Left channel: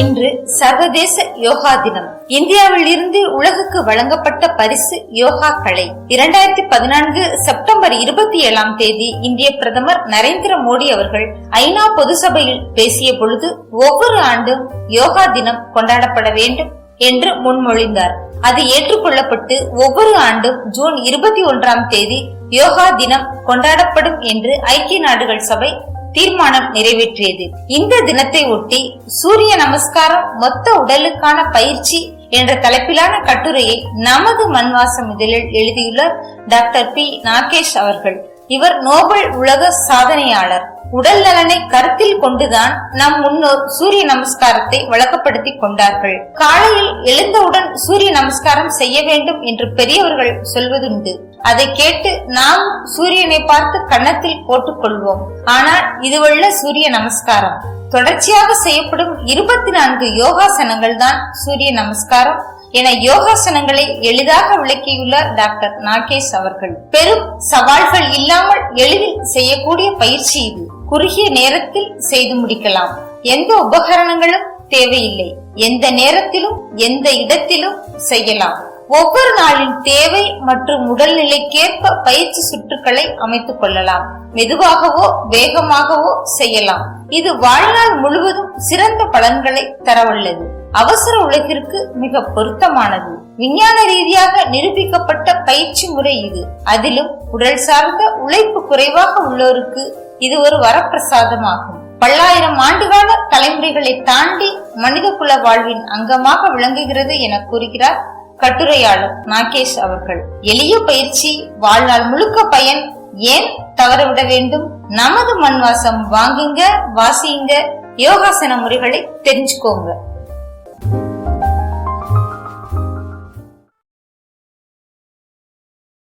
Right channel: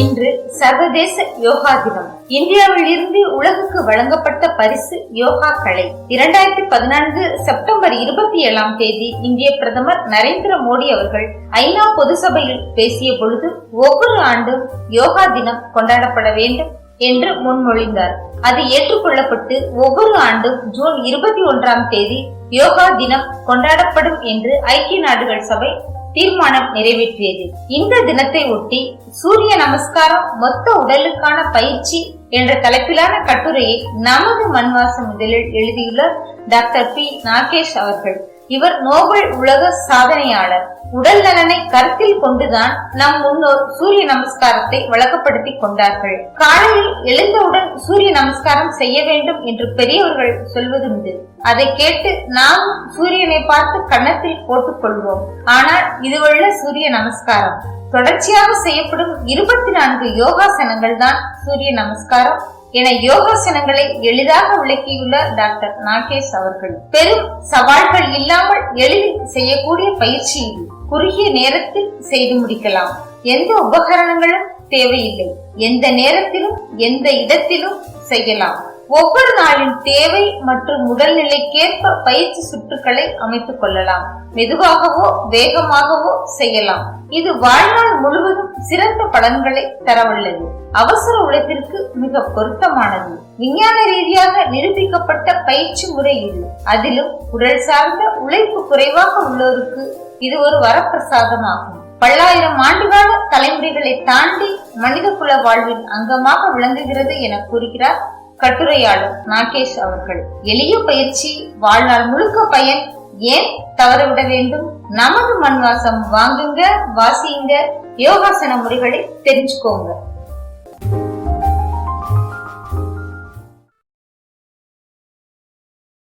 இன்று சர்வதேச யோகா தினம். இந்தியாவில் இருந்து உலகுக்கு வழங்கப்பட்ட பரிசு யோகா கலை. இரண்டாயிரத்தி பதினான்கு செப்டம்பர் இருபத்தி ஏழாம் தேதி இந்திய பிரதமர் நரேந்திர மோடி அவர்கள் ஐநா பொது சபையில் பேசிய பொழுது ஒவ்வொரு ஆண்டும் யோகா தினம் கொண்டாடப்பட வேண்டும் என்று முன்மொழிந்தார். அது ஏற்றுக்கொள்ளப்பட்டு ஒவ்வொரு ஆண்டும் ஜூன் இருபத்தி ஒன்றாம் தேதி யோகா தினம் கொண்டாடப்படும் என்று ஐக்கிய நாடுகள் சபை தீர்மானம் நிறைவேற்றியது. இந்த தினத்தை ஒட்டி சூரிய நமஸ்காரம் மொத்த உடலுக்கான பயிற்சி என்ற தலைப்பிலான கட்டுரையை நமது மண்வாசம் இதழில் எழுதியுள்ளார் டாக்டர் பி. நாகேஷ் அவர்கள். இவர் நோபல் உலக சாதனையாளர். உடல் நலனை கருத்தில் கொண்டுதான் நம் முன்னோர் சூரிய நமஸ்காரத்தை வழக்கப்படுத்தி கொண்டார்கள். காலையில் எழுந்தவுடன் சூரிய நமஸ்காரம் செய்ய வேண்டும் என்று பெரியவர்கள் சொல்வதுண்டு. அதை கேட்டு நாம் சூரியனை பார்த்து கன்னத்தில் போட்டுக் கொள்வோம். ஆனால் இதுவல்ல சூரிய நமஸ்காரம். தொடர்ச்சியாக செய்யப்படும் இருபத்தி நான்கு யோகாசனங்கள் தான் சூரிய நமஸ்காரம். என யோகாசனங்களை எளிதாக விளக்கியுள்ளார் டாக்டர் நாகேஷ் அவர்கள். பெரும் சவால்கள் இல்லாமல் எளிதில் செய்யக்கூடிய பயிற்சி இது. குறுகிய நேரத்தில் செய்து முடிக்கலாம். எந்த உபகரணங்களும் தேவையில்லை. எந்த நேரத்திலும் எந்த இடத்திலும் செய்யலாம். ஒவ்வொரு நாளின் தேவை மற்றும் உடல்நிலைக்கேற்ப பயிற்சி சுற்றுக்களை அமைத்துக் கொள்ளலாம். மெதுவாகவோ வேகமாகவோ செய்யலாம். இது வாழ்நாள் முழுவதும் சிறந்த பலன்களை தரவல்லது அவசர உலகிற்கு மிக பொருத்தமானது. விஞ்ஞான ரீதியாக நிரூபிக்கப்பட்ட பயிற்சி முறை இது. அதிலும் உடல் சார்ந்த உழைப்பு குறைவாக உள்ளோருக்கு இது ஒரு வரப்பிரசாதமாகும். பல்லாயிரம் ஆண்டுகால தலைமுறைகளை தாண்டி மனிதகுல வாழ்வின் அங்கமாக விளங்குகிறது என கூறுகிறார் கட்டுரையாளர் நாகேஷ் அவர்கள். எளிய பயிற்சி வாழ்நாள் முழுக்க பயன். ஏன் தவறவிட வேண்டும்? நமது மண் வாசம் வாங்குங்க வாசியுங்க யோகாசன முறைகளை தெரிஞ்சுக்கோங்க.